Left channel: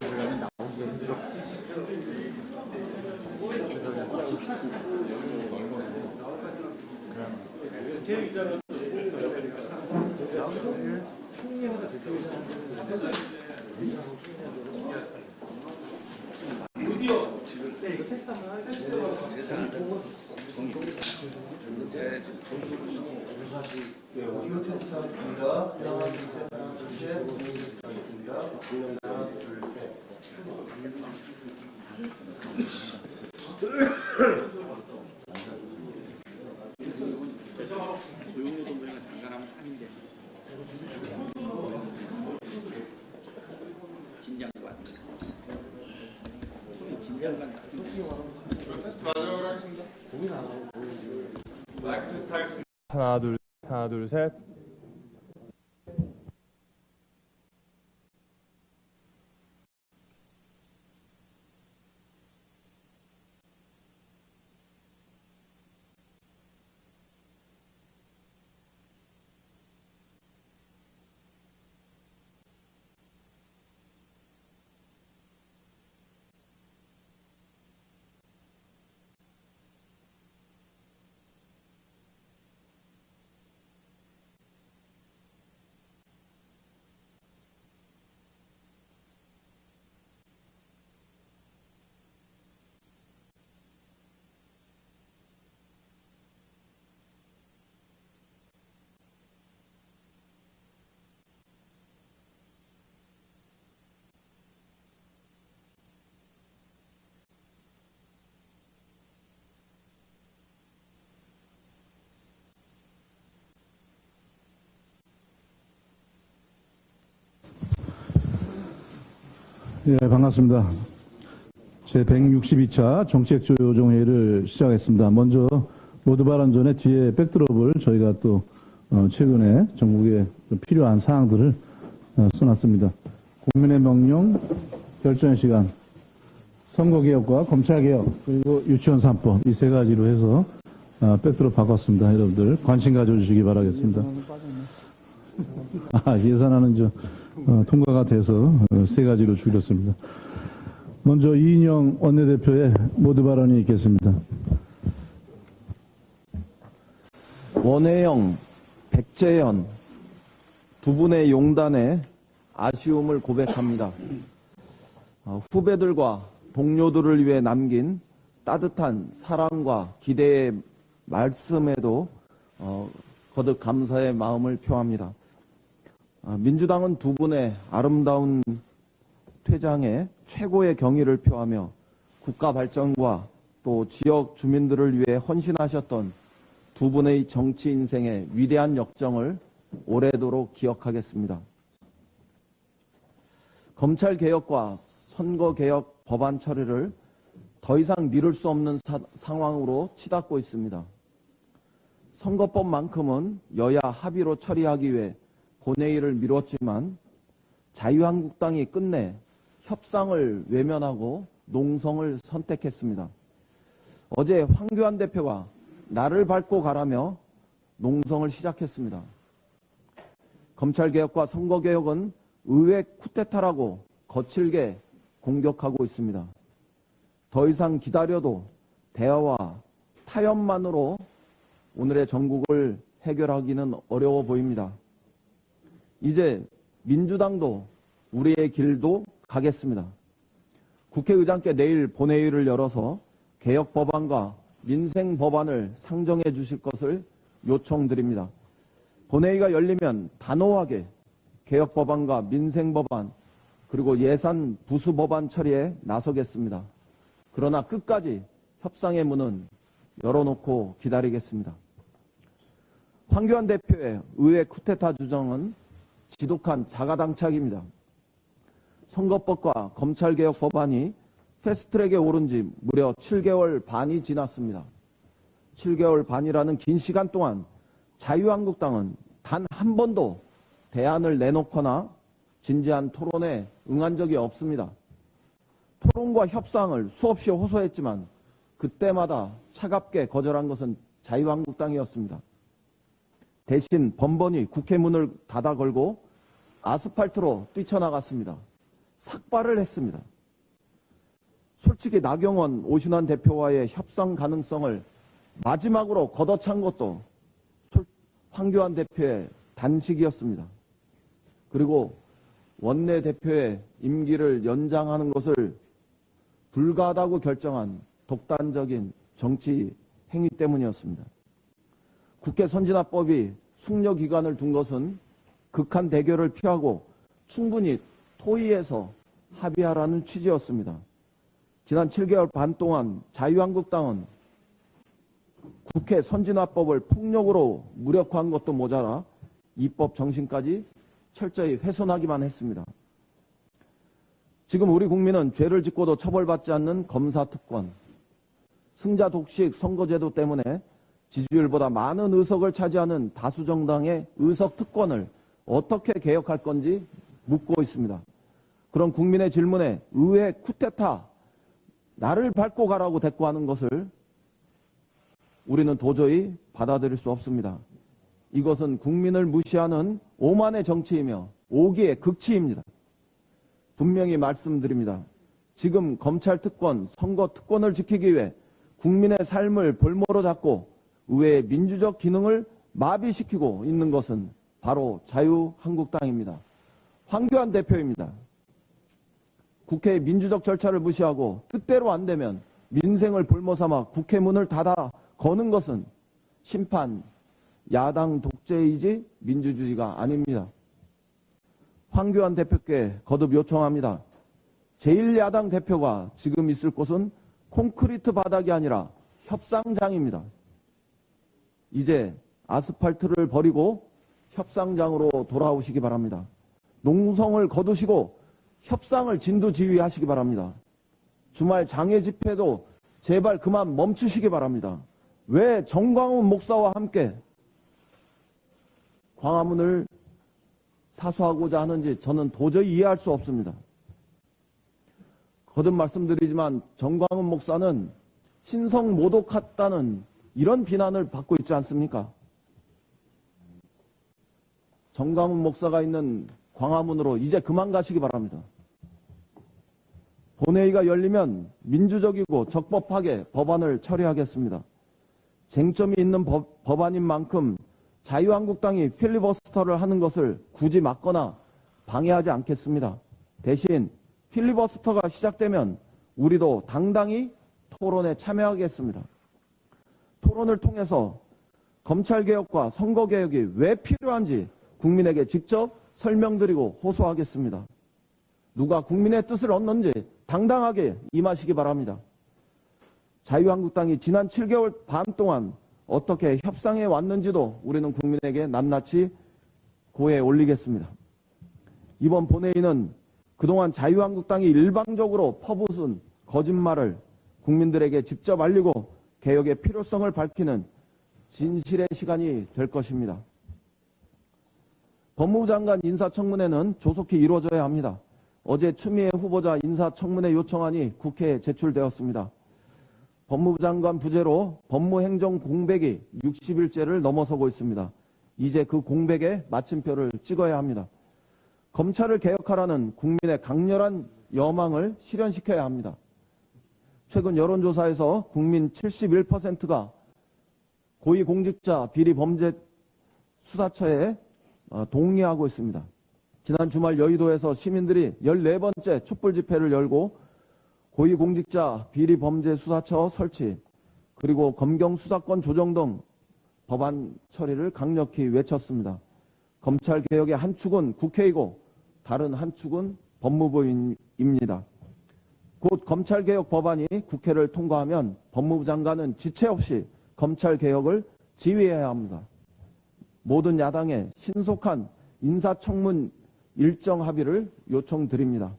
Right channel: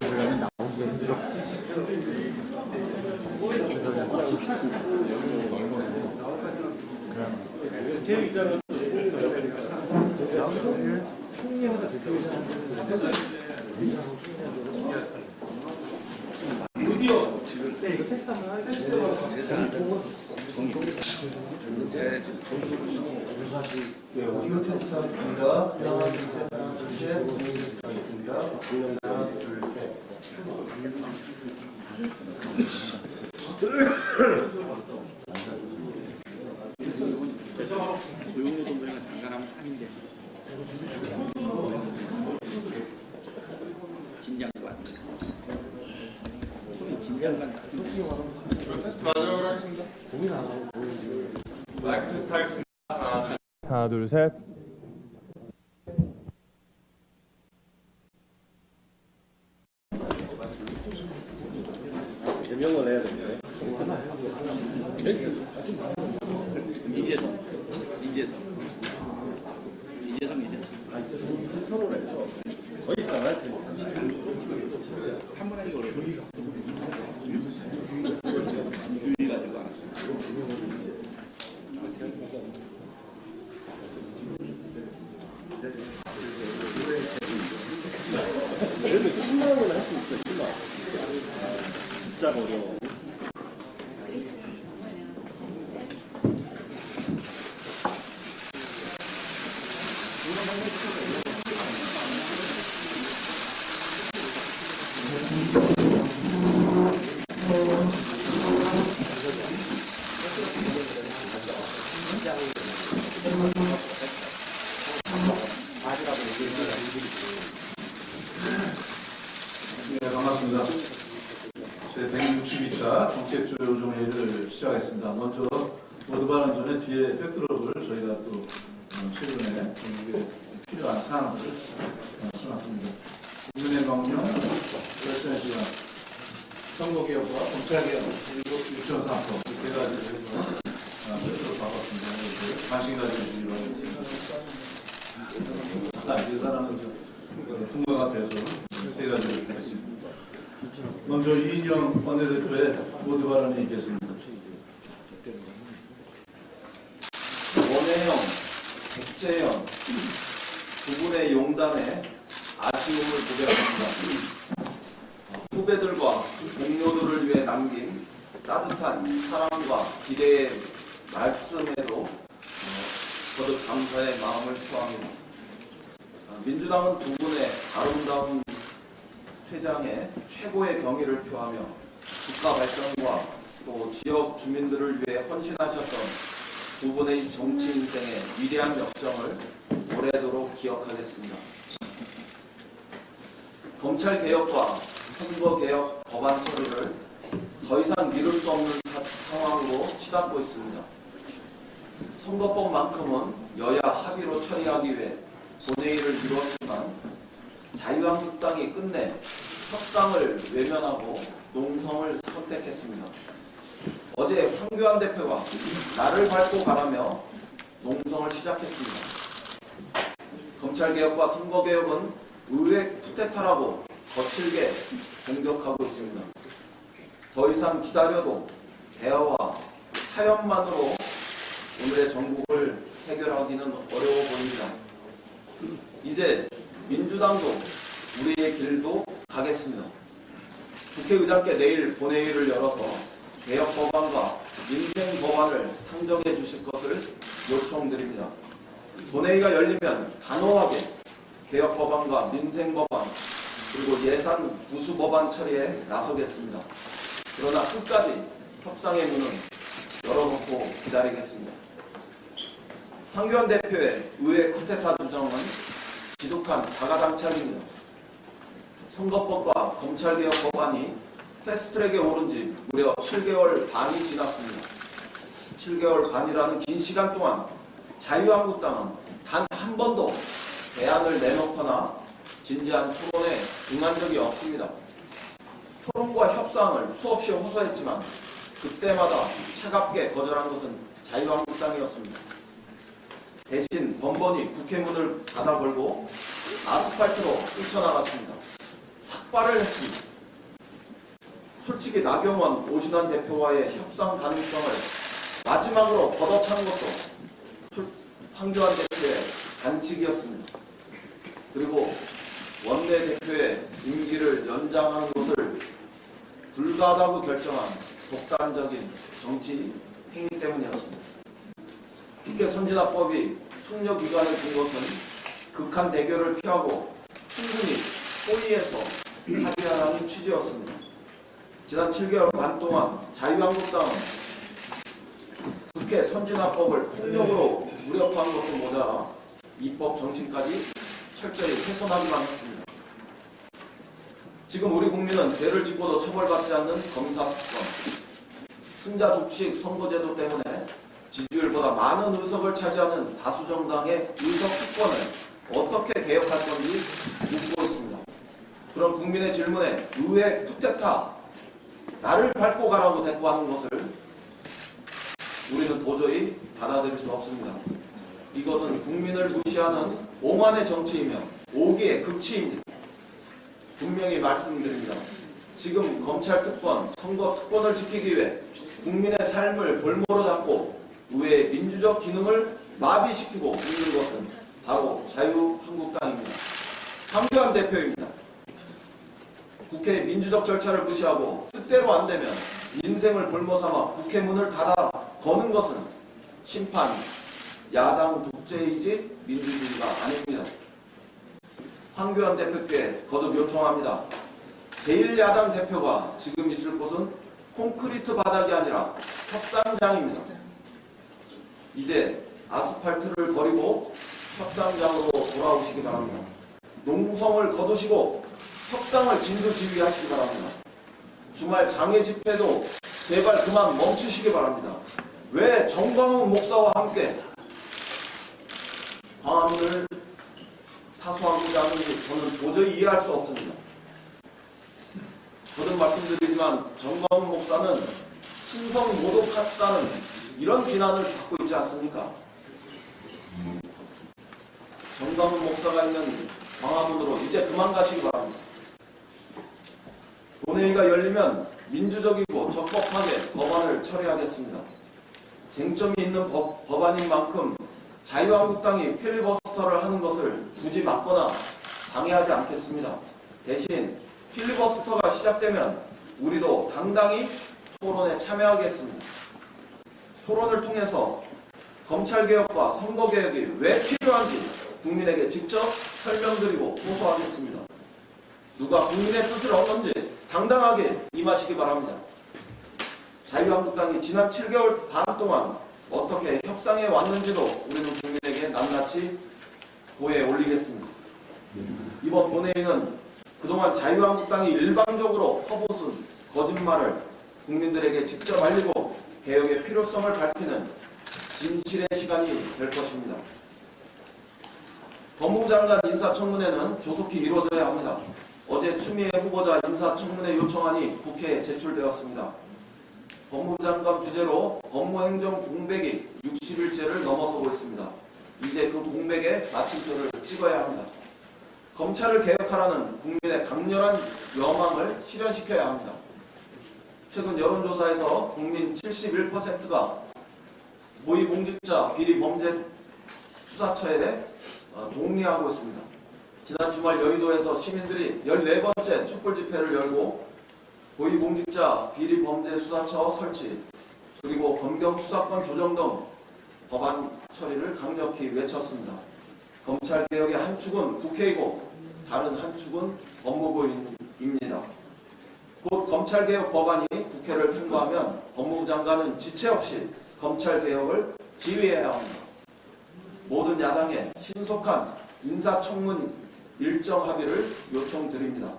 그러면 나오기 힘들어. 총리하다 드디어 지금 이거 테스트 한번 하겠습니다. 세상에 오디오 테스트 하겠습니다. 하나, 둘, 셋, 하나, 둘, 셋. 하겠습니다. 하나, 둘, 셋. 고용노동부가 장관하면 아닌데 진장관 테스트 마지막으로 하겠습니다. 마이크 테스트 하겠습니다. 하나, 둘, 셋. 개명을 해야 되는데. 이재성 서로 해서 거의 있잖아요. 한번 하기가 어려워. 유리 가지고 알았어. 그래도 10만 원은 할 수 있어요. 10만 원. 진짜 어려워. 네, 반갑습니다. 제 162차 정책조정회의를 시작하겠습니다. 먼저 모두 발언 전에 뒤에 백드롭을 저희가 또 최근에 전국에 필요한 사항들을 써놨습니다. 국민의 명령, 결정 시간, 선거개혁과 검찰개혁, 그리고 유치원 3법 이 세 가지로 해서 백드롭 바꿨습니다. 여러분들 관심 가져주시기 바라겠습니다. 예산안은 통과가 돼서 세 가지로 줄였습니다. 먼저 이인영 원내대표의 모두 발언이 있겠습니다. 원혜영, 백재현 두 분의 용단에 아쉬움을 고백합니다. 후배들과 동료들을 위해 남긴 따뜻한 사랑과 기대의 말씀에도 거듭 감사의 마음을 표합니다. 민주당은 두 분의 아름다운 퇴장에 최고의 경의를 표하며 국가 발전과 또 지역 주민들을 위해 헌신하셨던 두 분의 정치 인생의 위대한 역정을 오래도록 기억하겠습니다. 검찰개혁과 선거개혁 법안 처리를 더 이상 미룰 수 없는 상황으로 치닫고 있습니다. 선거법만큼은 여야 합의로 처리하기 위해 본회의를 미뤘지만 자유한국당이 끝내 협상을 외면하고 농성을 선택했습니다. 어제 황교안 대표가 나를 밟고 가라며 농성을 시작했습니다. 검찰개혁과 선거개혁은 의회 쿠데타라고 거칠게 공격하고 있습니다. 더 이상 기다려도 대화와 타협만으로 오늘의 전국을 해결하기는 어려워 보입니다. 이제 민주당도 우리의 길도 가겠습니다. 국회의장께 내일 본회의를 열어서 개혁 법안과 민생 법안을 상정해 주실 것을 요청드립니다. 본회의가 열리면 단호하게 개혁 법안과 민생 법안 그리고 예산 부수 법안 처리에 나서겠습니다. 그러나 끝까지 협상의 문은 열어놓고 기다리겠습니다. 황교안 대표의 의회 쿠데타 주장은 지독한 자가당착입니다. 선거법과 검찰개혁 법안이 패스트트랙에 오른 지 무려 7개월 반이 지났습니다. 7개월 반이라는 긴 시간 동안 자유한국당은 단 한 번도 대안을 내놓거나 진지한 토론에 응한 적이 없습니다. 토론과 협상을 수없이 호소했지만 그때마다 차갑게 거절한 것은 자유한국당이었습니다. 대신 번번이 국회 문을 닫아 걸고 아스팔트로 뛰쳐나갔습니다. 삭발을 했습니다. 솔직히 나경원, 오신환 대표와의 협상 가능성을 마지막으로 걷어찬 것도 황교안 대표의 반칙이었습니다. 그리고 원내대표의 임기를 연장하는 것을 불가하다고 결정한 독단적인 정치 행위 때문이었습니다. 국회 선진화법이 숙려기간을 준 것은 극한 대결을 피하고 충분히 토의해서 합의하라는 취지였습니다. 지난 7개월 반 동안 자유한국당은 국회 선진화법을 폭력으로 무력화한 것도 모자라 입법 정신까지 철저히 훼손하기만 했습니다. 지금 우리 국민은 죄를 짓고도 처벌받지 않는 검사 특권, 승자 독식 선거제도 때문에 지지율보다 많은 의석을 차지하는 다수 정당의 의석 특권을 어떻게 개혁할 건지 묻고 있습니다. 그런 국민의 질문에 의회 쿠데타, 나를 밟고 가라고 대꾸하는 것을 우리는 도저히 받아들일 수 없습니다. 이것은 국민을 무시하는 오만의 정치이며 오기의 극치입니다. 분명히 말씀드립니다. 지금 검찰 특권, 선거 특권을 지키기 위해 국민의 삶을 볼모로 잡고 의회의 민주적 기능을 마비시키고 있는 것은 바로 자유한국당입니다. 황교안 대표입니다. 국회의 민주적 절차를 무시하고 뜻대로 안 되면 민생을 볼모삼아 국회 문을 닫아 거는 것은 심판, 야당 독재이지 민주주의가 아닙니다. 황교안 대표께 거듭 요청합니다. 제1야당 대표가 지금 있을 곳은 콘크리트 바닥이 아니라 협상장입니다. 이제 아스팔트를 버리고 협상장으로 돌아오시기 바랍니다. 농성을 거두시고 협상을 진두지휘하시기 바랍니다. 주말 장애 집회도 제발 그만 멈추시기 바랍니다. 왜 정광훈 목사와 함께 광화문을 사수하고자 하는지 저는 도저히 이해할 수 없습니다. 거듭 말씀드리지만 정광훈 목사는 신성 모독했다는 이런 비난을 받고 있지 않습니까? 정광훈 목사가 있는 광화문으로 이제 그만 가시기 바랍니다. 본회의가 열리면 민주적이고 적법하게 법안을 처리하겠습니다. 쟁점이 있는 법안인 만큼 자유한국당이 필리버스터를 하는 것을 굳이 막거나 방해하지 않겠습니다. 대신 필리버스터가 시작되면 우리도 당당히 토론에 참여하겠습니다. 토론을 통해서 검찰개혁과 선거개혁이 왜 필요한지 국민에게 직접 설명드리고 호소하겠습니다. 누가 국민의 뜻을 얻는지 당당하게 임하시기 바랍니다. 자유한국당이 지난 7개월 반 동안 어떻게 협상해 왔는지도 우리는 국민에게 낱낱이 고해 올리겠습니다. 이번 본회의는 그동안 자유한국당이 일방적으로 퍼붓은 거짓말을 국민들에게 직접 알리고 개혁의 필요성을 밝히는 진실의 시간이 될 것입니다. 법무부 장관 인사청문회는 조속히 이루어져야 합니다. 어제 추미애 후보자 인사청문회 요청안이 국회에 제출되었습니다. 법무부 장관 부재로 법무행정 공백이 60일째를 넘어서고 있습니다. 이제 그 공백에 마침표를 찍어야 합니다. 검찰을 개혁하라는 국민의 강렬한 여망을 실현시켜야 합니다. 최근 여론조사에서 국민 71%가 고위공직자 비리범죄수사처에 동의하고 있습니다. 지난 주말 여의도에서 시민들이 14번째 촛불집회를 열고 고위공직자 비리범죄수사처 설치 그리고 검경수사권 조정 등 법안 처리를 강력히 외쳤습니다. 검찰개혁의 한 축은 국회이고 다른 한 축은 법무부입니다. 곧 검찰개혁 법안이 국회를 통과하면 법무부 장관은 지체 없이 검찰개혁을 지휘해야 합니다. 모든 야당의 신속한 인사청문 일정 합의를 요청드립니다.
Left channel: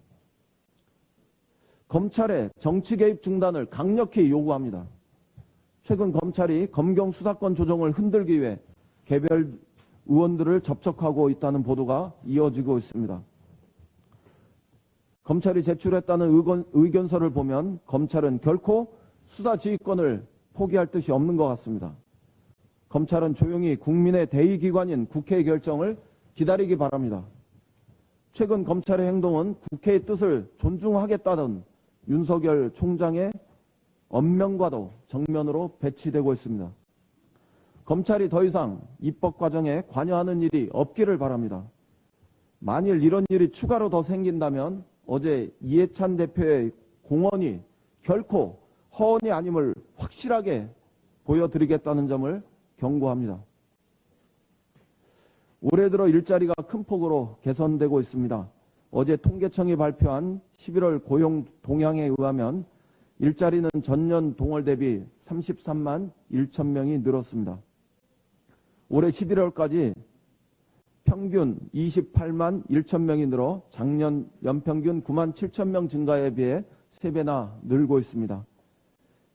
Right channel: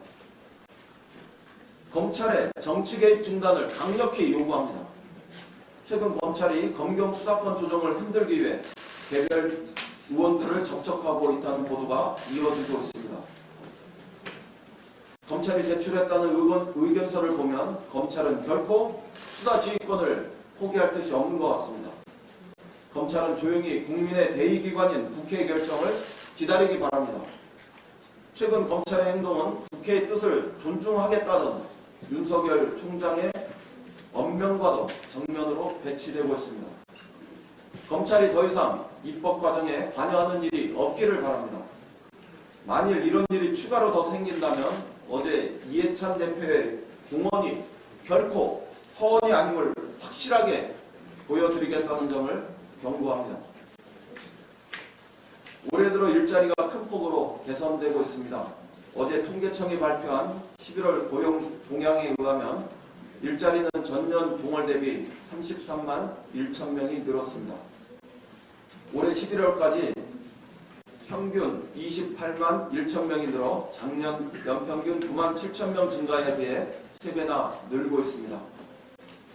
검찰의 정치개입 중단을 강력히 요구합니다. 최근 검찰이 검경 수사권 조정을 흔들기 위해 개별 의원들을 접촉하고 있다는 보도가 이어지고 있습니다. 검찰이 제출했다는 의견서를 보면 검찰은 결코 수사 지휘권을 포기할 뜻이 없는 것 같습니다. 검찰은 조용히 국민의 대의기관인 국회의 결정을 기다리기 바랍니다. 최근 검찰의 행동은 국회의 뜻을 존중하겠다는 윤석열 총장의 언명과도 정면으로 배치되고 있습니다. 검찰이 더 이상 입법 과정에 관여하는 일이 없기를 바랍니다. 만일 이런 일이 추가로 더 생긴다면 어제 이해찬 대표의 공언이 결코 허언이 아님을 확실하게 보여드리겠다는 점을 경고합니다. 올해 들어 일자리가 큰 폭으로 개선되고 있습니다. 어제 통계청이 발표한 11월 고용 동향에 의하면 일자리는 전년 동월 대비 33만 1천 명이 늘었습니다. 올해 11월까지 평균 28만 1천 명이 늘어 작년 연평균 9만 7천 명 증가에 비해 3배나 늘고 있습니다.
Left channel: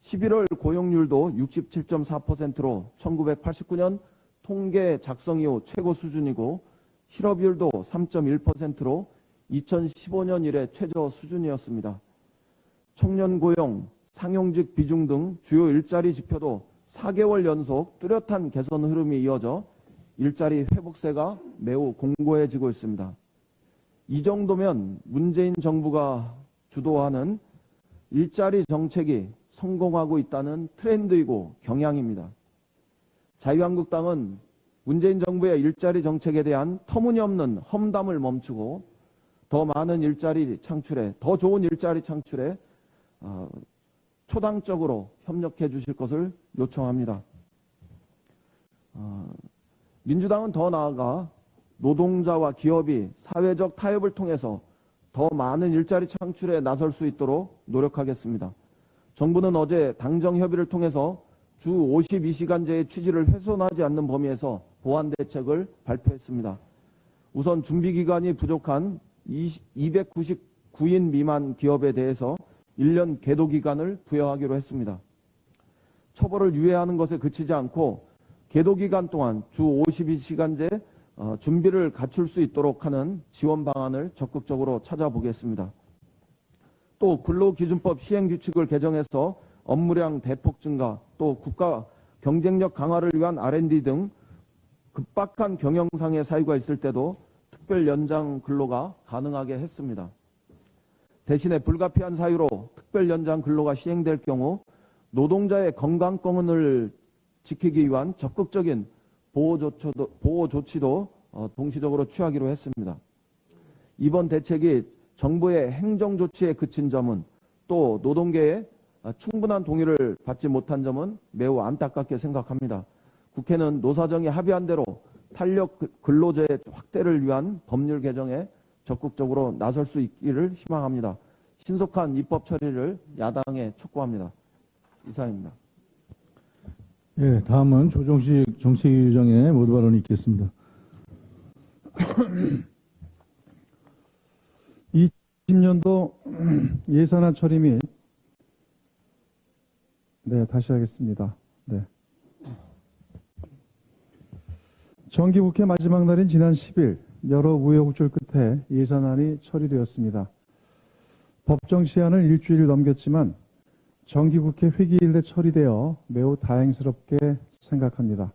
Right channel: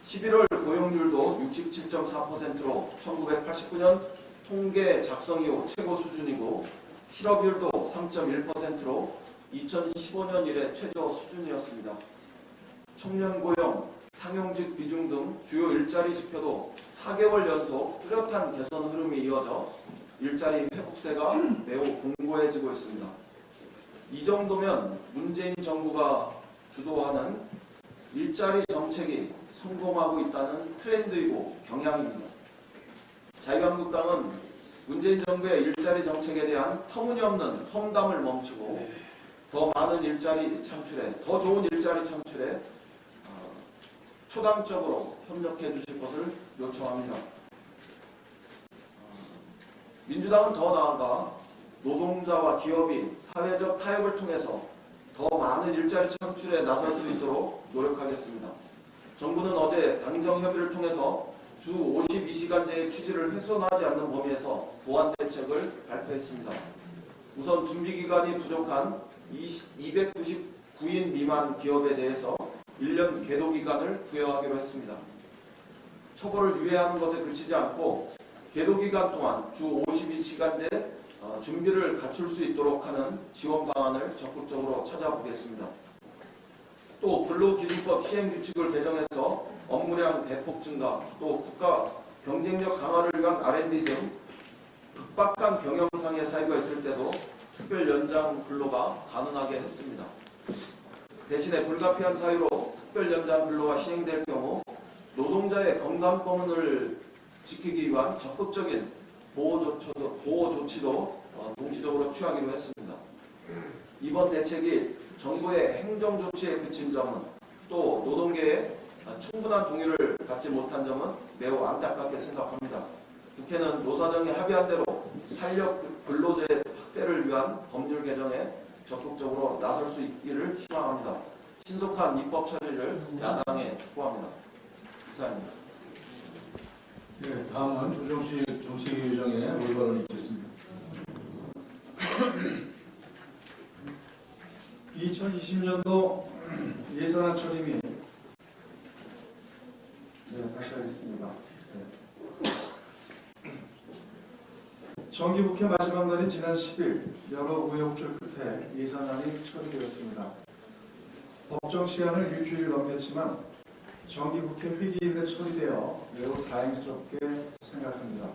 11월 고용률도 67.4%로 1989년 통계 작성 이후 최고 수준이고 실업률도 3.1%로 2015년 이래 최저 수준이었습니다. 청년 고용, 상용직 비중 등 주요 일자리 지표도 4개월 연속 뚜렷한 개선 흐름이 이어져 일자리 회복세가 매우 공고해지고 있습니다. 이 정도면 문재인 정부가 주도하는 일자리 정책이 성공하고 있다는 트렌드이고 경향입니다. 자유한국당은 문재인 정부의 일자리 정책에 대한 터무니없는 험담을 멈추고 더 많은 일자리 창출에, 더 좋은 일자리 창출에 초당적으로 협력해 주실 것을 요청합니다. 민주당은 더 나아가 노동자와 기업이 사회적 타협을 통해서 더 많은 일자리 창출에 나설 수 있도록 노력하겠습니다. 정부는 어제 당정 협의를 통해서 주 52시간제의 취지를 훼손하지 않는 범위에서 보완 대책을 발표했습니다. 우선 준비기간이 부족한 299인 미만 기업에 대해서 1년 계도기간을 부여하기로 했습니다. 처벌을 유예하는 것에 그치지 않고 계도기간 동안 주 52시간제 준비를 갖출 수 있도록 하는 지원 방안을 적극적으로 찾아보겠습니다. 또 근로기준법 시행규칙을 개정해서 업무량 대폭 증가, 또 국가 경쟁력 강화를 위한 R&D 등 급박한 경영상의 사유가 있을 때도 특별 연장 근로가 가능하게 했습니다. 대신에 불가피한 사유로 특별 연장 근로가 시행될 경우 노동자의 건강권을 지키기 위한 적극적인 보호 조치도 동시적으로 취하기로 했습니다. 이번 대책이 정부의 행정 조치에 그친 점은 또 노동계의 충분한 동의를 받지 못한 점은 매우 안타깝게 생각합니다. 국회는 노사정이 합의한 대로 탄력 근로제 확대를 위한 법률 개정에 적극적으로 나설 수 있기를 희망합니다. 신속한 입법 처리를 야당에 촉구합니다. 이상입니다. 예, 다음은 조정식 정책위의장의 모두 발언이 있겠습니다. 2020년도 예산안 처리 및 다시 하겠습니다. 정기국회 마지막 날인 지난 10일 여러 우여곡절 끝에 예산안이 처리되었습니다. 법정 시한을 일주일 넘겼지만 정기국회 회기일에 처리되어 매우 다행스럽게 생각합니다.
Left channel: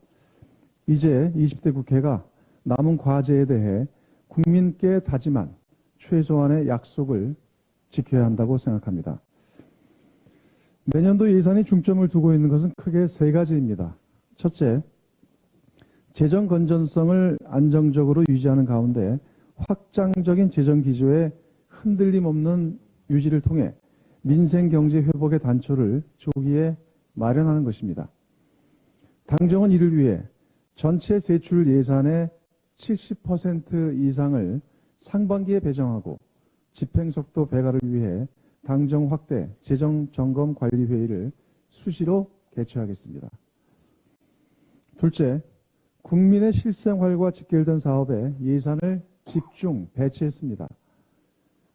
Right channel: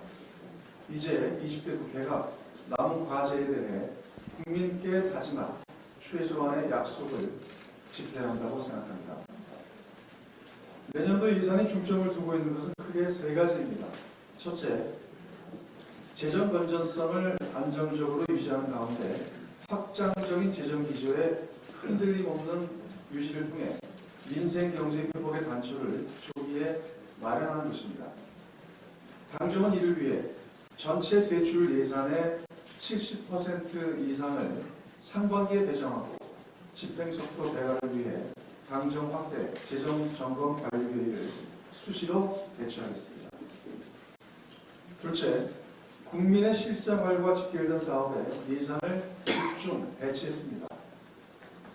이제 20대 국회가 남은 과제에 대해 국민께 다짐한 최소한의 약속을 지켜야 한다고 생각합니다. 내년도 예산에 중점을 두고 있는 것은 크게 세 가지입니다. 첫째, 재정 건전성을 안정적으로 유지하는 가운데 확장적인 재정 기조에 흔들림 없는 유지를 통해 민생 경제 회복의 단초를 조기에 마련하는 것입니다. 당정은 이를 위해 전체 세출 예산의 70% 이상을 상반기에 배정하고 집행속도 배가를 위해 당정 확대 재정점검관리회의를 수시로 개최하겠습니다. 둘째, 국민의 실생활과 직결된 사업에 예산을 집중 배치했습니다.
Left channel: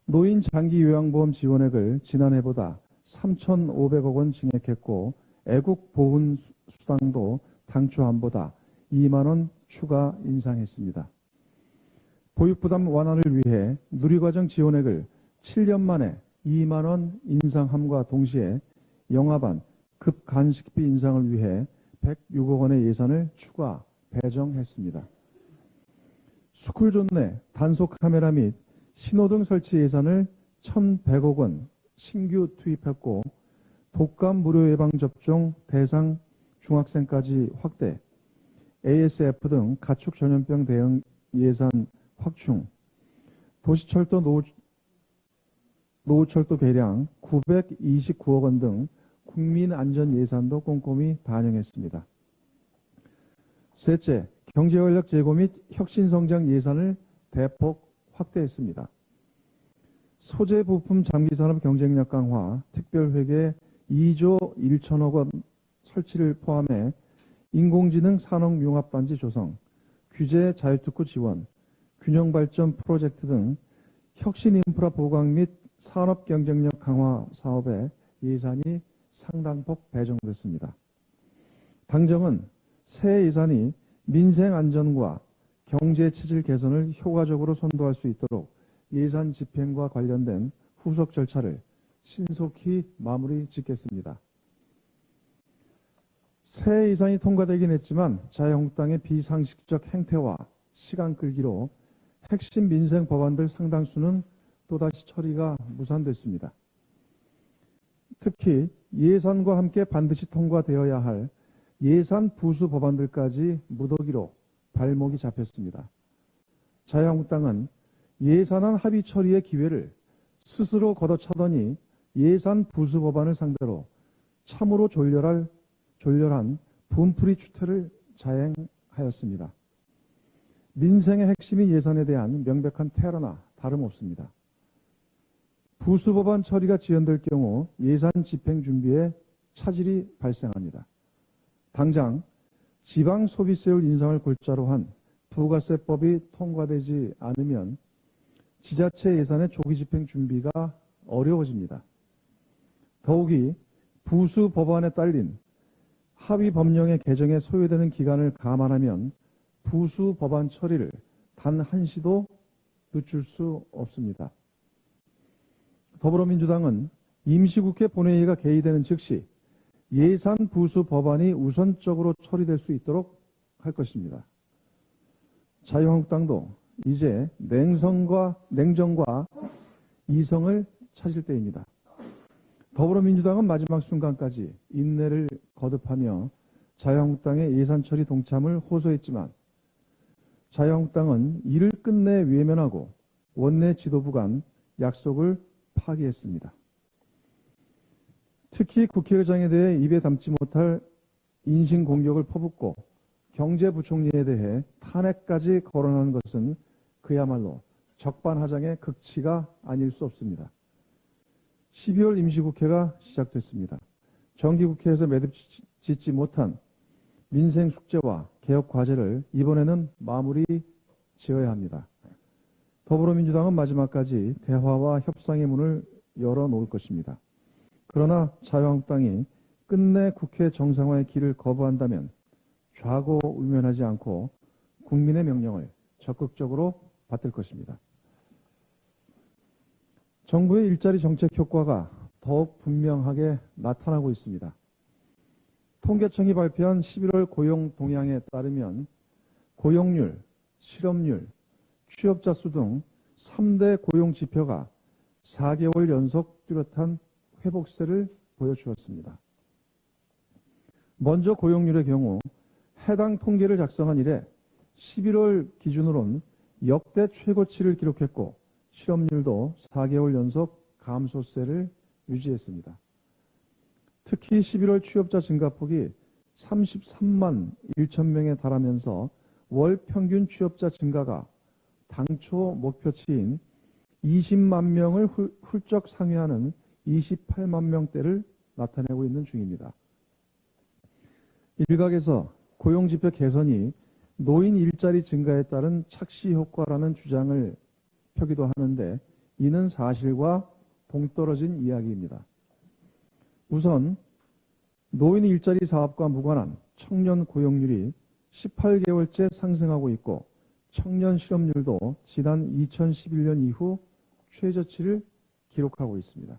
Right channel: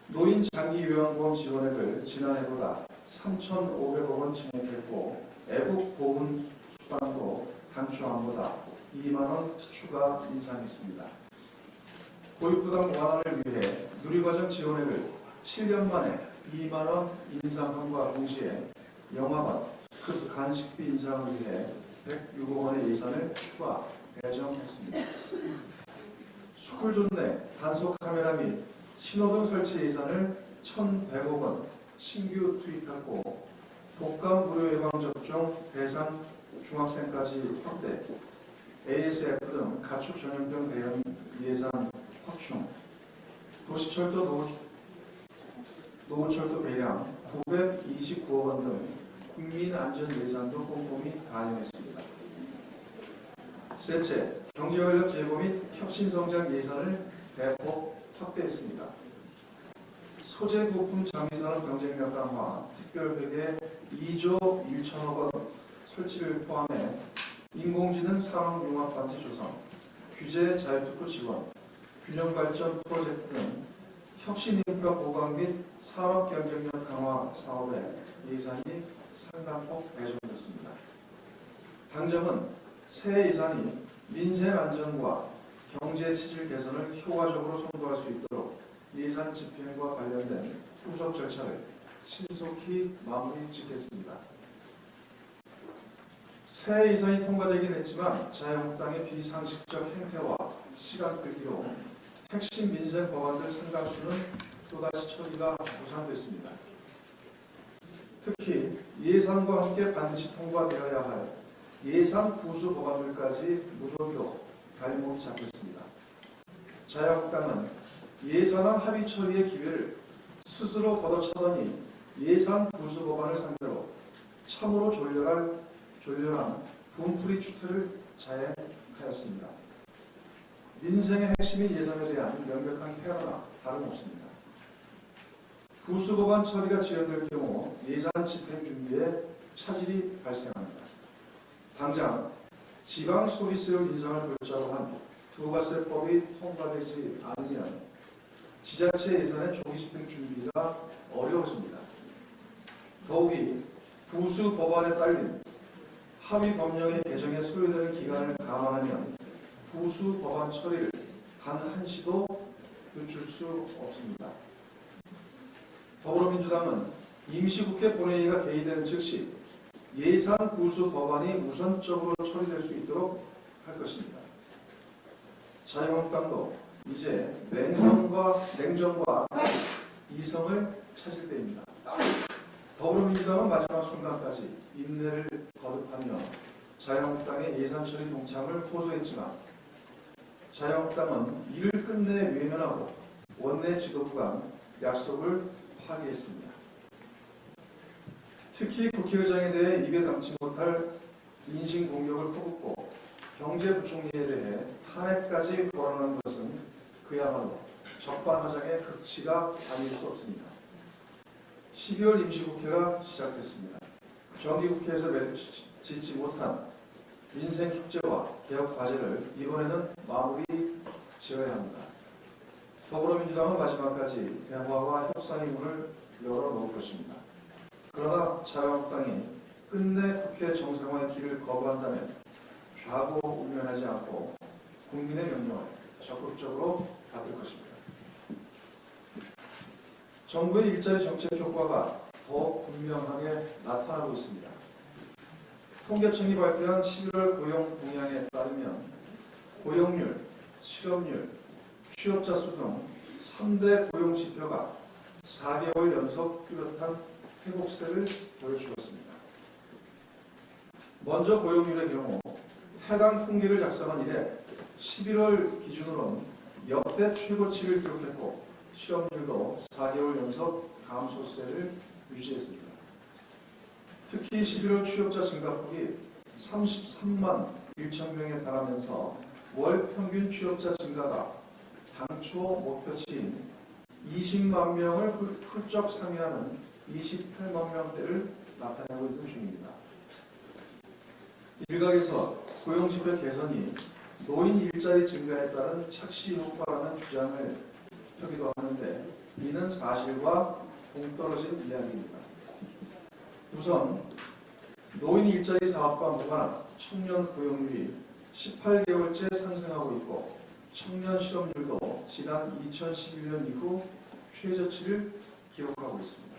노인 장기 요양보험 지원액을 지난해보다 3,500억 원 증액했고 애국 보훈 수당도 당초안보다 2만 원 추가 인상했습니다. 보육부담 완화를 위해 누리과정 지원액을 7년 만에 2만 원 인상함과 동시에 영아반 급간식비 인상을 위해 106억 원의 예산을 추가 배정했습니다. 스쿨존 내 단속 카메라 및 신호등 설치 예산을 1,100억 원 신규 투입했고 독감 무료 예방 접종 대상 중학생까지 확대, ASF 등 가축 전염병 대응 예산 확충, 도시철도 노후철도 개량 929억 원 등 국민 안전 예산도 꼼꼼히 반영했습니다. 셋째, 경제활력 제고 및 혁신성장 예산을 대폭 확대했습니다. 소재 부품 장기산업 경쟁력 강화, 특별회계 2조 1천억 원 설치를 포함해 인공지능 산업융합반지 조성, 규제 자유특구 지원, 균형발전 프로젝트 등 혁신인프라 보강 및 산업 경쟁력 강화 사업에 예산이 상당폭 배정됐습니다. 당정은 새 예산이 민생 안전과 경제 체질 개선을 효과적으로 선도할 수 있도록 예산 집행과 관련된 후속 절차를 신속히 마무리 짓겠습니다. 새 예산이 통과되긴 했지만 자유한국당의 비상식적 행태와 시간 끌기로 핵심 민생 법안들 상당수는 또다시 처리가 무산됐습니다. 특히 예산과 함께 반드시 통과되어야 할 예산 부수 법안들까지 무더기로 발목이 잡혔습니다. 자유한국당은 예산안 합의 처리의 기회를 스스로 걷어차더니 예산 부수 법안을 상대로 참으로 졸렬한 분풀이 추태를 자행하였습니다. 민생의 핵심인 예산에 대한 명백한 폐하나 다름없습니다. 부수 법안 처리가 지연될 경우 예산 집행 준비에 차질이 발생합니다. 당장 지방 소비세율 인상을 골자로 한 부가세법이 통과되지 않으면 지자체 예산의 조기 집행 준비가 어려워집니다. 더욱이 부수 법안에 딸린 합의 법령의 개정에 소요되는 기간을 감안하면 부수 법안 처리를 단 한시도 늦출 수 없습니다. 더불어민주당은 임시국회 본회의가 개의되는 즉시 예산 부수 법안이 우선적으로 처리될 수 있도록 할 것입니다. 자유한국당도 이제 냉정과 이성을 찾을 때입니다. 더불어민주당은 마지막 순간까지 인내를 거듭하며 자유한국당의 예산 처리 동참을 호소했지만 자유한국당은 이를 끝내 외면하고 원내 지도부 간 약속을 파기했습니다. 특히 국회의장에 대해 입에 담지 못할 인신공격을 퍼붓고 경제부총리에 대해 탄핵까지 거론한 것은 그야말로 적반하장의 극치가 아닐 수 없습니다. 12월 임시국회가 시작됐습니다. 정기국회에서 매듭 짓지 못한 민생 숙제와 개혁 과제를 이번에는 마무리 지어야 합니다. 더불어민주당은 마지막까지 대화와 협상의 문을 열어놓을 것입니다. 그러나 자유한국당이 끝내 국회 정상화의 길을 거부한다면 좌고우면하지 않고 국민의 명령을 적극적으로 받들 것입니다. 정부의 일자리 정책 효과가 더욱 분명하게 나타나고 있습니다. 통계청이 발표한 11월 고용 동향에 따르면 고용률, 실업률, 취업자 수 등 3대 고용 지표가 4개월 연속 뚜렷한 회복세를 보여주었습니다. 먼저 고용률의 경우 해당 통계를 작성한 이래 11월 기준으로는 역대 최고치를 기록했고 실업률도 4개월 연속 감소세를 유지했습니다. 특히 11월 취업자 증가폭이 33만 1천 명에 달하면서 월 평균 취업자 증가가 당초 목표치인 20만 명을 훌쩍 상회하는 28만 명대를 나타내고 있는 중입니다. 일각에서 고용지표 개선이 노인 일자리 증가에 따른 착시 효과라는 주장을 펴기도 하는데 이는 사실과 동떨어진 이야기입니다. 우선 노인 일자리 사업과 무관한 청년 고용률이 18개월째 상승하고 있고 청년 실업률도 지난 2011년 이후 최저치를 기록하고 있습니다.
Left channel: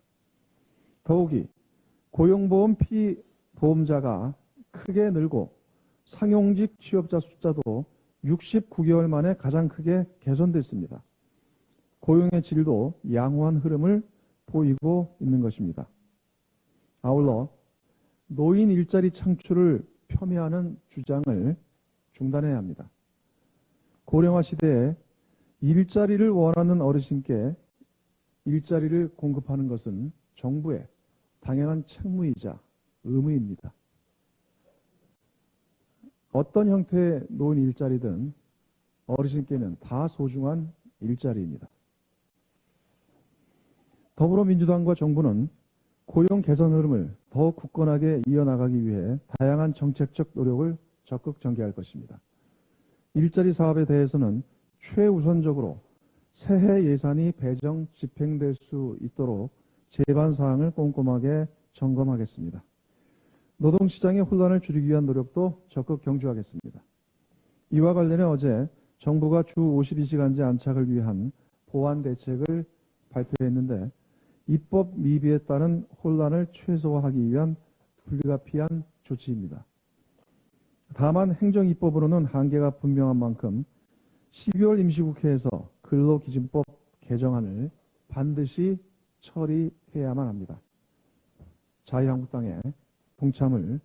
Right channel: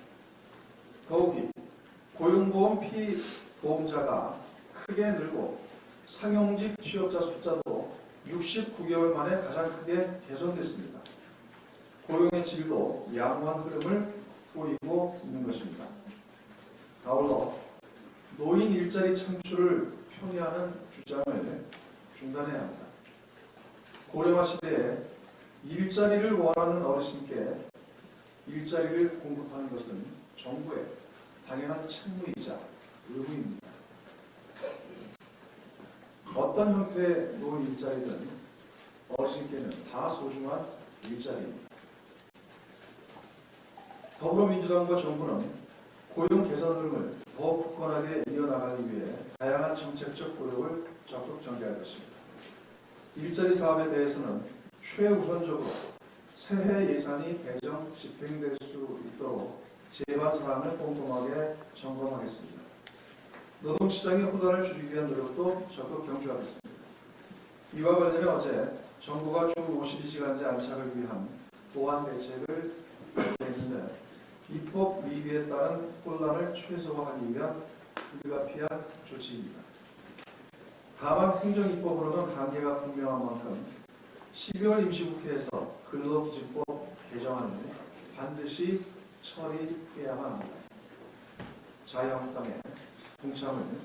더욱이 고용보험 피보험자가 크게 늘고 상용직 취업자 숫자도 69개월 만에 가장 크게 개선됐습니다. 고용의 질도 양호한 흐름을 보이고 있는 것입니다. 아울러 노인 일자리 창출을 폄훼하는 주장을 중단해야 합니다. 고령화 시대에 일자리를 원하는 어르신께 일자리를 공급하는 것은 정부의 당연한 책무이자 의무입니다. 어떤 형태의 노인 일자리든 어르신께는 다 소중한 일자리입니다. 더불어민주당과 정부는 고용 개선 흐름을 더욱 굳건하게 이어나가기 위해 다양한 정책적 노력을 적극 전개할 것입니다. 일자리 사업에 대해서는 최우선적으로 새해 예산이 배정 집행될 수 있도록 제반 사항을 꼼꼼하게 점검하겠습니다. 노동시장의 혼란을 줄이기 위한 노력도 적극 경주하겠습니다. 이와 관련해 어제 정부가 주 52시간제 안착을 위한 보완 대책을 발표했는데 입법 미비에 따른 혼란을 최소화하기 위한 불가피한 조치입니다. 다만 행정입법으로는 한계가 분명한 만큼 12월 임시국회에서 근로기준법 개정안을 반드시 처리해야만 합니다. 자유한국당의 동참을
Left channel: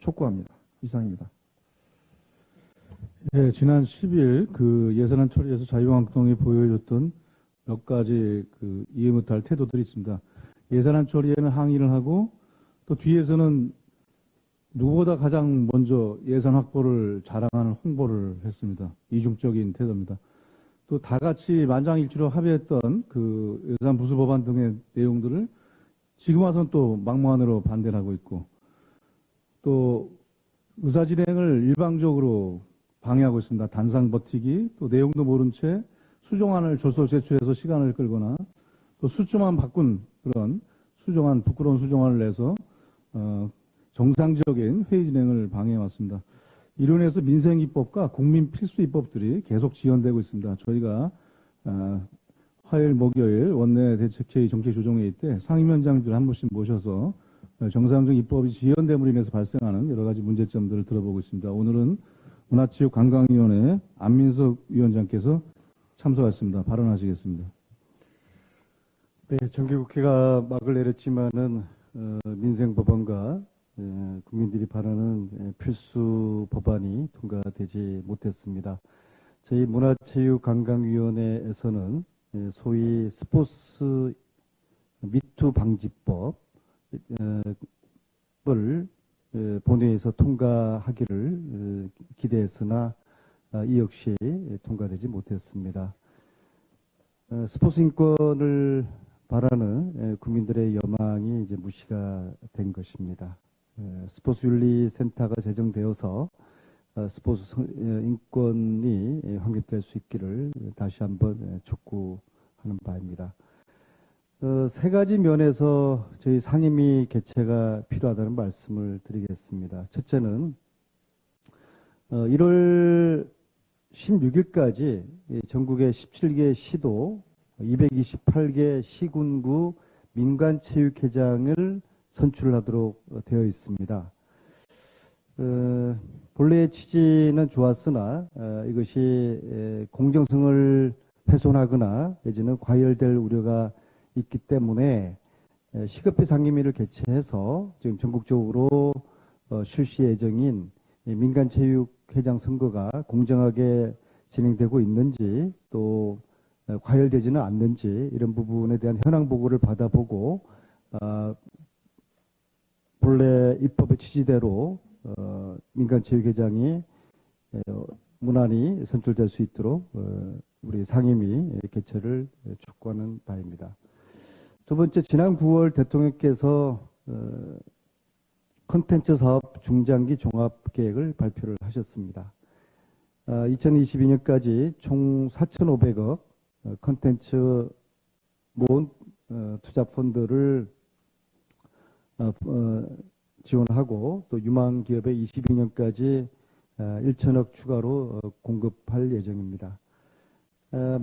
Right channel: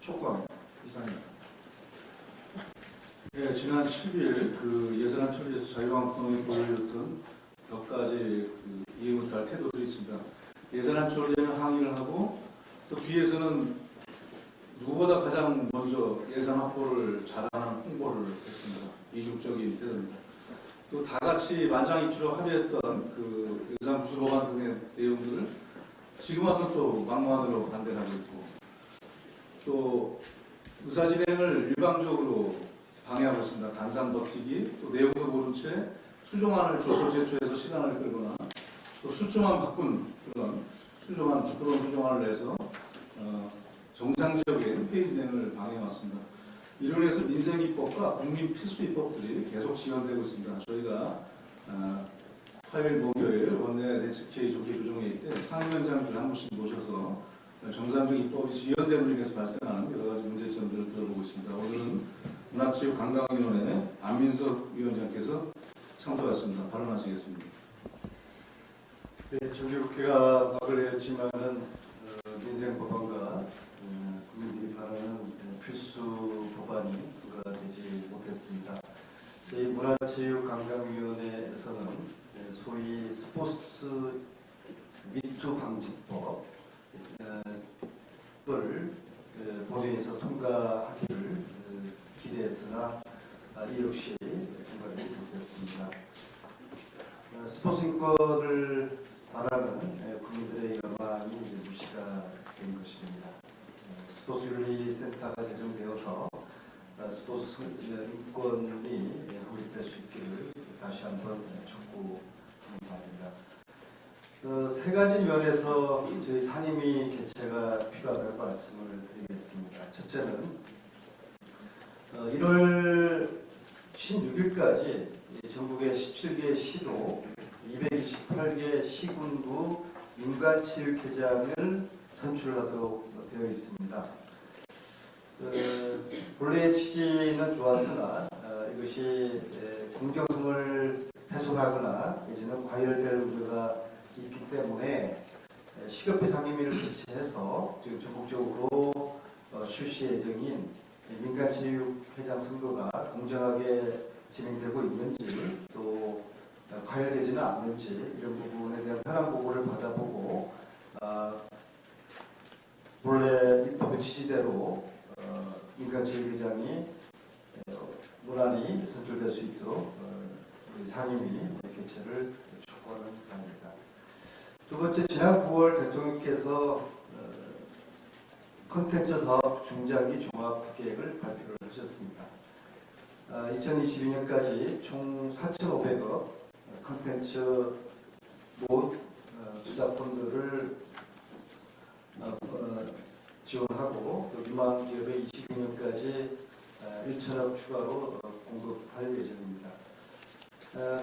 촉구합니다. 이상입니다. 네, 지난 10일 그 예산안 처리에서 자유한국당이 보여줬던 몇 가지 이해 못할 태도들이 있습니다. 예산안 처리에는 항의를 하고 또 뒤에서는 누구보다 가장 먼저 예산 확보를 자랑하는 홍보를 했습니다. 이중적인 태도입니다. 또 다 같이 만장일치로 합의했던 그 예산 부수 법안 등의 내용들을 지금 와서는 또 막무가내로 반대를 하고 있고 또 의사진행을 일방적으로 방해하고 있습니다. 단상 버티기, 또 내용도 모른 채 수정안을 조서 제출해서 시간을 끌거나 또 수조만 바꾼 그런 수정안, 부끄러운 수정안을 내서 정상적인 회의 진행을 방해해왔습니다. 이로 인해서 민생입법과 국민 필수입법들이 계속 지연되고 있습니다. 저희가 화요일, 목요일 원내 대책회의 정책조정회의 때 상임위원장들 한 분씩 모셔서 정상적 입법이 지연됨으로 인해서 발생하는 여러 가지 문제점들을 들어보고 있습니다. 오늘은 문화체육관광위원회 안민석 위원장께서 참석하셨습니다. 발언하시겠습니다. 네, 정기국회가 막을 내렸지만은 민생법안과 국민들이 바라는 필수 법안이 통과되지 못했습니다. 저희 문화체육관광위원회에서는 소위 스포츠 미투 방지법을 본회의에서 통과하기를 기대했으나 이 역시 통과되지 못했습니다. 스포츠 인권을 바라는 국민들의 연망이 이제 무시가 된 것입니다. 스포츠윤리센터가 제정되어서 스포츠 인권이 확립될 수 있기를 다시 한번 촉구하는 바입니다. 세 가지 면에서 저희 상임위 개최가 필요하다는 말씀을 드리겠습니다. 첫째는 1월 16일까지 전국의 17개 시도 228개 시군구 민간체육회장을 선출하도록 되어 있습니다. 본래의 취지는 좋았으나 이것이 공정성을 훼손하거나 내지는 과열될 우려가 있기 때문에 시급히 상임위를 개최해서 지금 전국적으로 실시 예정인 민간체육회장 선거가 공정하게 진행되고 있는지 또 과열되지는 않는지 이런 부분에 대한 현황 보고를 받아보고 본래 입법의 취지대로 민간체육회장이 무난히 선출될 수 있도록 우리 상임위 개최를 촉구하는 바입니다. 두 번째, 지난 9월 대통령께서 콘텐츠 사업 중장기 종합계획을 발표를 하셨습니다. 2022년까지 총 4,500억 콘텐츠 모은 투자펀드를 지원하고 또 유망 기업에 22년까지 1천억 추가로 공급할 예정입니다.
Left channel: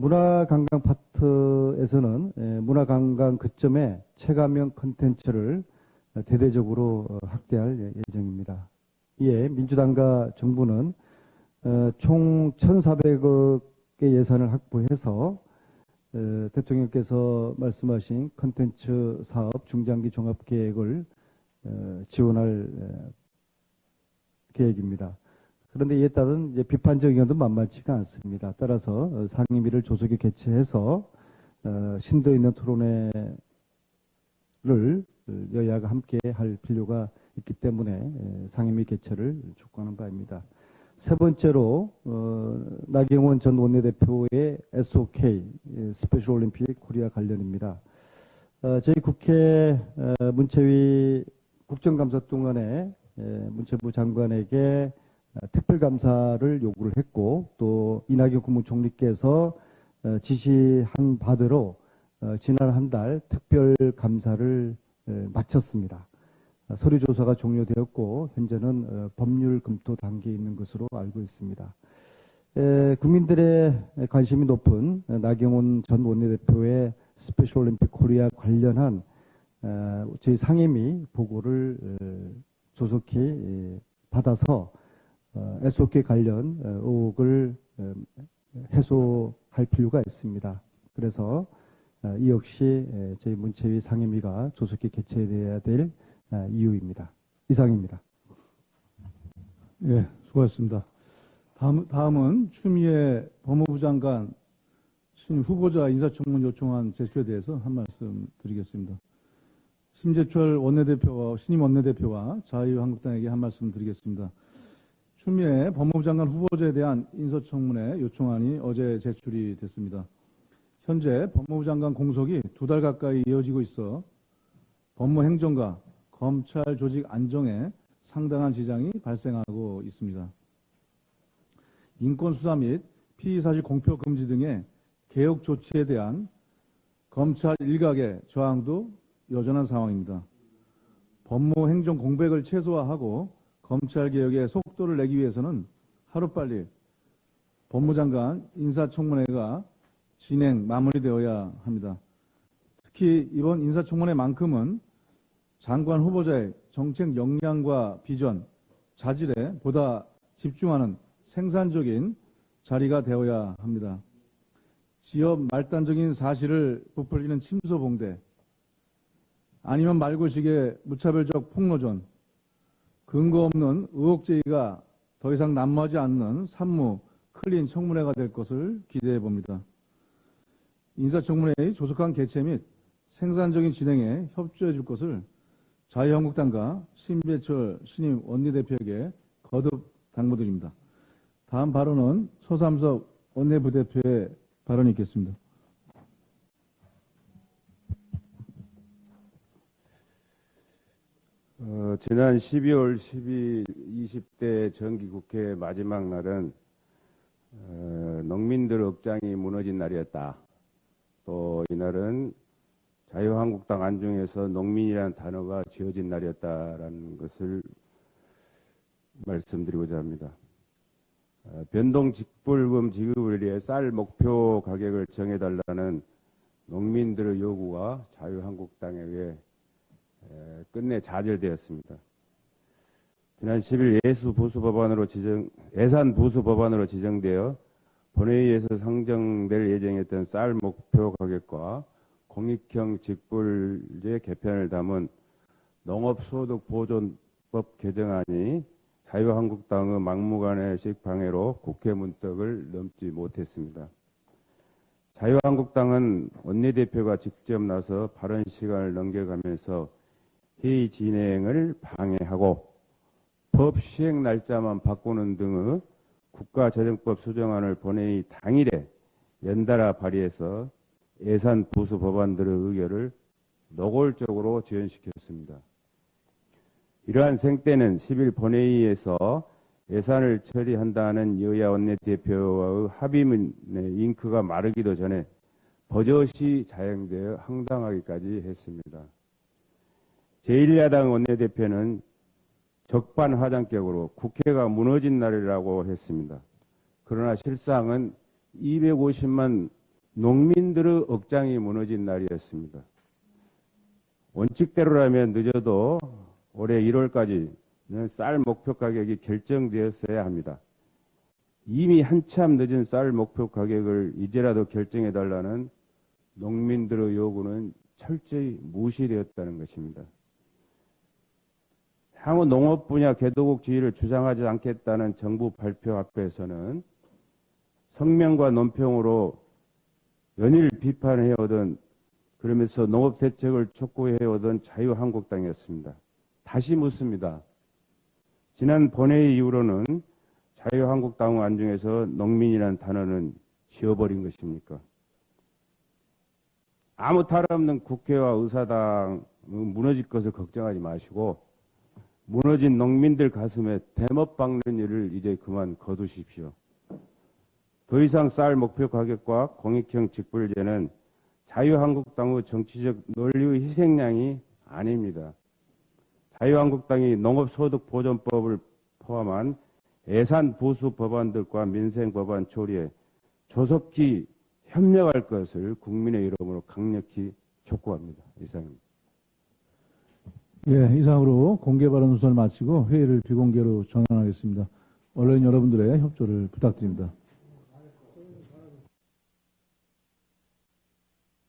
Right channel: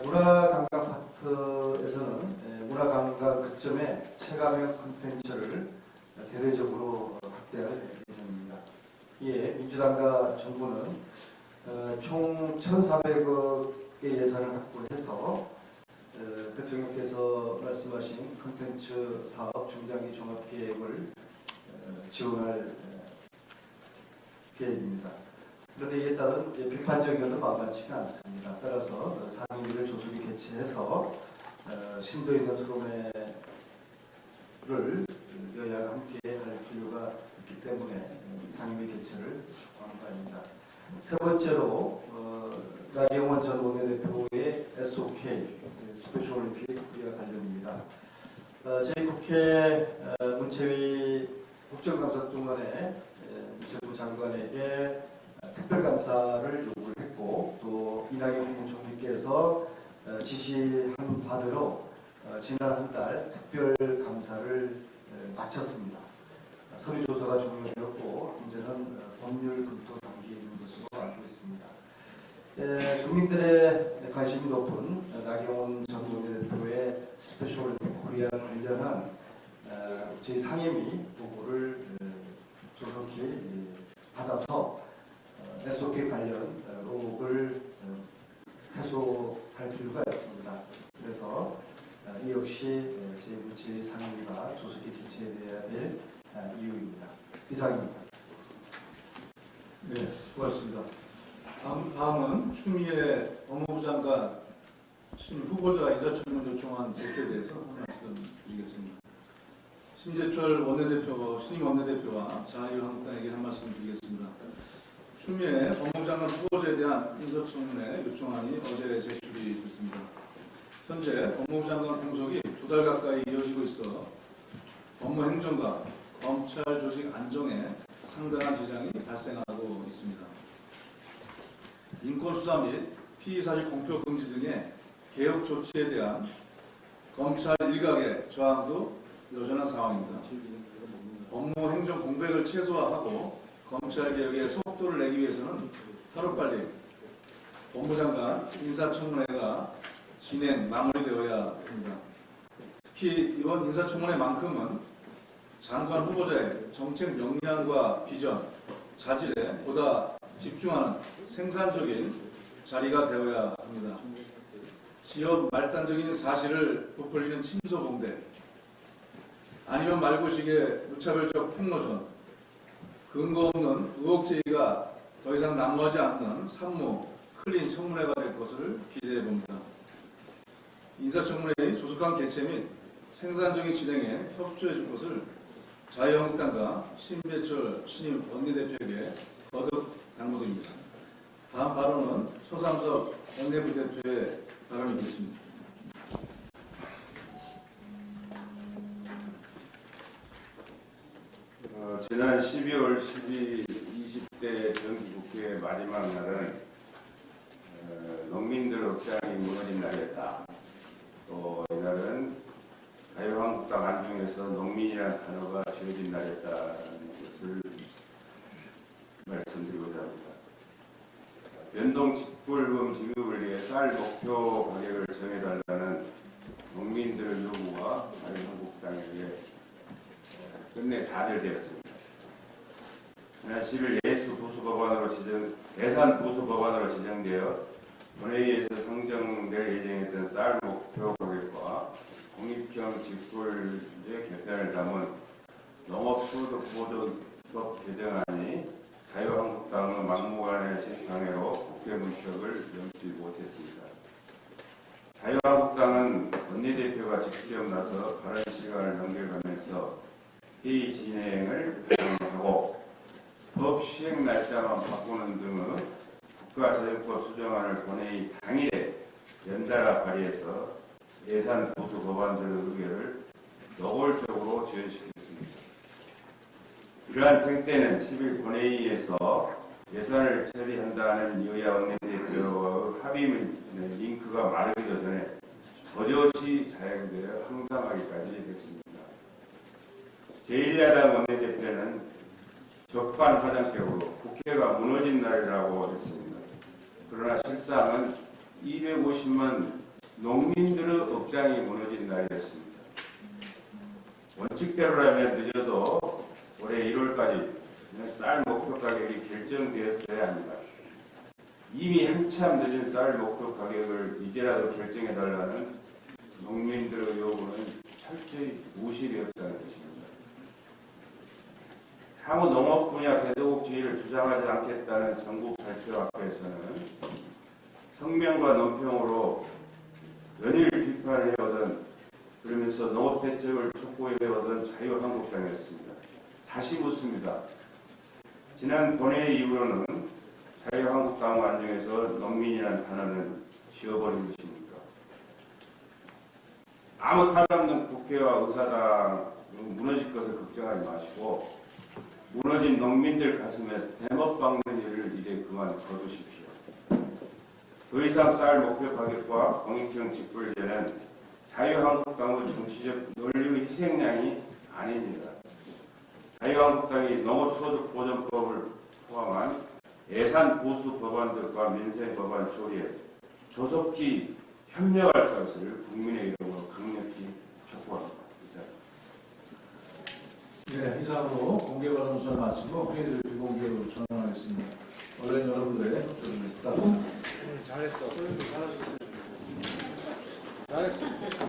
문화관광 파트에서는 문화관광 거점에 체감형 콘텐츠를 대대적으로 확대할 예정입니다. 이에 민주당과 정부는 총 1,400억 예산을 확보해서 대통령께서 말씀하신 콘텐츠 사업 중장기 종합계획을 지원할 계획입니다. 그런데 이에 따른 비판적 의견도 만만치가 않습니다. 따라서 상임위를 조속히 개최해서 심도 있는 토론회를 여야가 함께 할 필요가 있기 때문에 상임위 개최를 촉구하는 바입니다. 세 번째로 나경원 전 원내대표의 SOK 스페셜 올림픽 코리아 관련입니다. 저희 국회 문체위 국정감사 동안에 문체부 장관에게 특별감사를 요구를 했고 또 이낙연 국무총리께서 지시한 바대로 지난 한 달 특별감사를 마쳤습니다. 서류 조사가 종료되었고 현재는 법률 검토 단계에 있는 것으로 알고 있습니다. 국민들의 관심이 높은 나경원 전 원내대표의 스페셜 올림픽 코리아 관련한 저희 상임위 보고를 조속히 받아서 SOK 관련 의혹을 해소할 필요가 있습니다. 그래서 이 역시 저희 문체위 상임위가 조속히 개최되어야 될 이유입니다. 이상입니다. 네, 수고하셨습니다. 다음은 추미애 법무부 장관 신 후보자 인사청문 요청안 제출에 대해서 한 말씀 드리겠습니다. 심재철 원내대표, 신임 원내대표와 자유한국당에게 한 말씀 드리겠습니다. 추미애 법무부 장관 후보자에 대한 인사청문회 요청안이 어제 제출이 됐습니다. 현재 법무부 장관 공석이 2달 가까이 이어지고 있어 법무행정과 검찰 조직 안정에 상당한 지장이 발생하고 있습니다. 인권수사 및 피의사실 공표 금지 등의 개혁 조치에 대한 검찰 일각의 저항도 여전한 상황입니다. 법무행정 공백을 최소화하고 검찰개혁에 속도를 내기 위해서는 하루빨리 법무장관 인사청문회가 마무리되어야 합니다. 특히 이번 인사청문회만큼은 장관 후보자의 정책 역량과 비전, 자질에 보다 집중하는 생산적인 자리가 되어야 합니다. 지역 말단적인 사실을 부풀리는 침소봉대, 아니면 말고식의 무차별적 폭로전, 근거 없는 의혹 제기가 더 이상 남하지 않는 산무, 클린 청문회가 될 것을 기대해 봅니다. 인사청문회의 조속한 개최 및 생산적인 진행에 협조해 줄 것을 자유한국당과 심재철 신임 원내대표에게 거듭 당부드립니다. 다음 발언은 서삼석 원내부대표의 발언이 있겠습니다. 지난 12월 12, 20대 정기국회 마지막 날은 농민들 억장이 무너진 날이었다. 또 이날은 자유한국당 안중에서 농민이라는 단어가 지어진 날이었다는 것을 말씀드리고자 합니다. 변동 직불금 지급을 위해 쌀 목표 가격을 정해달라는 농민들의 요구와 자유한국당에게 끝내 좌절되었습니다. 지난 10일 예산 보수 법안으로 지정되어 본회의에서 상정될 예정했던 쌀 목표 가격과 공익형 직불제 개편을 담은 농업소득보존법 개정안이 자유한국당의 막무가내 방해로 국회 문턱을 넘지 못했습니다. 자유한국당은 원내대표가 직접 나서 발언 시간을 넘겨가면서 회의 진행을 방해하고 법 시행 날짜만 바꾸는 등의 국가재정법 수정안을 본회의 당일에 연달아 발의해서 예산 보수 법안들의 의결을 노골적으로 지연시켰습니다. 이러한 생때는 10일 본회의에서 예산을 처리한다는 여야 원내대표와의 합의문의 잉크가 마르기도 전에 버젓이 자행되어 황당하기까지 했습니다. 제1야당 원내대표는 적반하장격으로 국회가 무너진 날이라고 했습니다. 그러나 실상은 250만 농민들의 억장이 무너진 날이었습니다. 원칙대로라면 늦어도 올해 1월까지 쌀 목표 가격이 결정되었어야 합니다. 이미 한참 늦은 쌀 목표 가격을 이제라도 결정해달라는 농민들의 요구는 철저히 무시되었다는 것입니다. 향후 농업 분야 개도국 지위를 주장하지 않겠다는 정부 발표 앞에서는 성명과 논평으로 연일 비판해오던, 그러면서 농업 대책을 촉구해오던 자유한국당이었습니다. 다시 묻습니다. 지난 본회의 이후로는 자유한국당 안중에서 농민이라는 단어는 지워버린 것입니까? 아무 탈 없는 국회와 의사당 무너질 것을 걱정하지 마시고 무너진 농민들 가슴에 대못 박는 일을 이제 그만 거두십시오. 더 이상 쌀 목표 가격과 공익형 직불제는 자유한국당의 정치적 논리의 희생양이 아닙니다. 자유한국당이 농업소득보전법을 포함한 예산 보수 법안들과 민생 법안 처리에 조속히 협력할 것을 국민의 이름으로 강력히 촉구합니다. 이상입니다. 예, 이상으로 공개 발언 우선 마치고 회의를 비공개로 전환하겠습니다. 언론 여러분들의 협조를 부탁드립니다. 잘했어. 잘했어.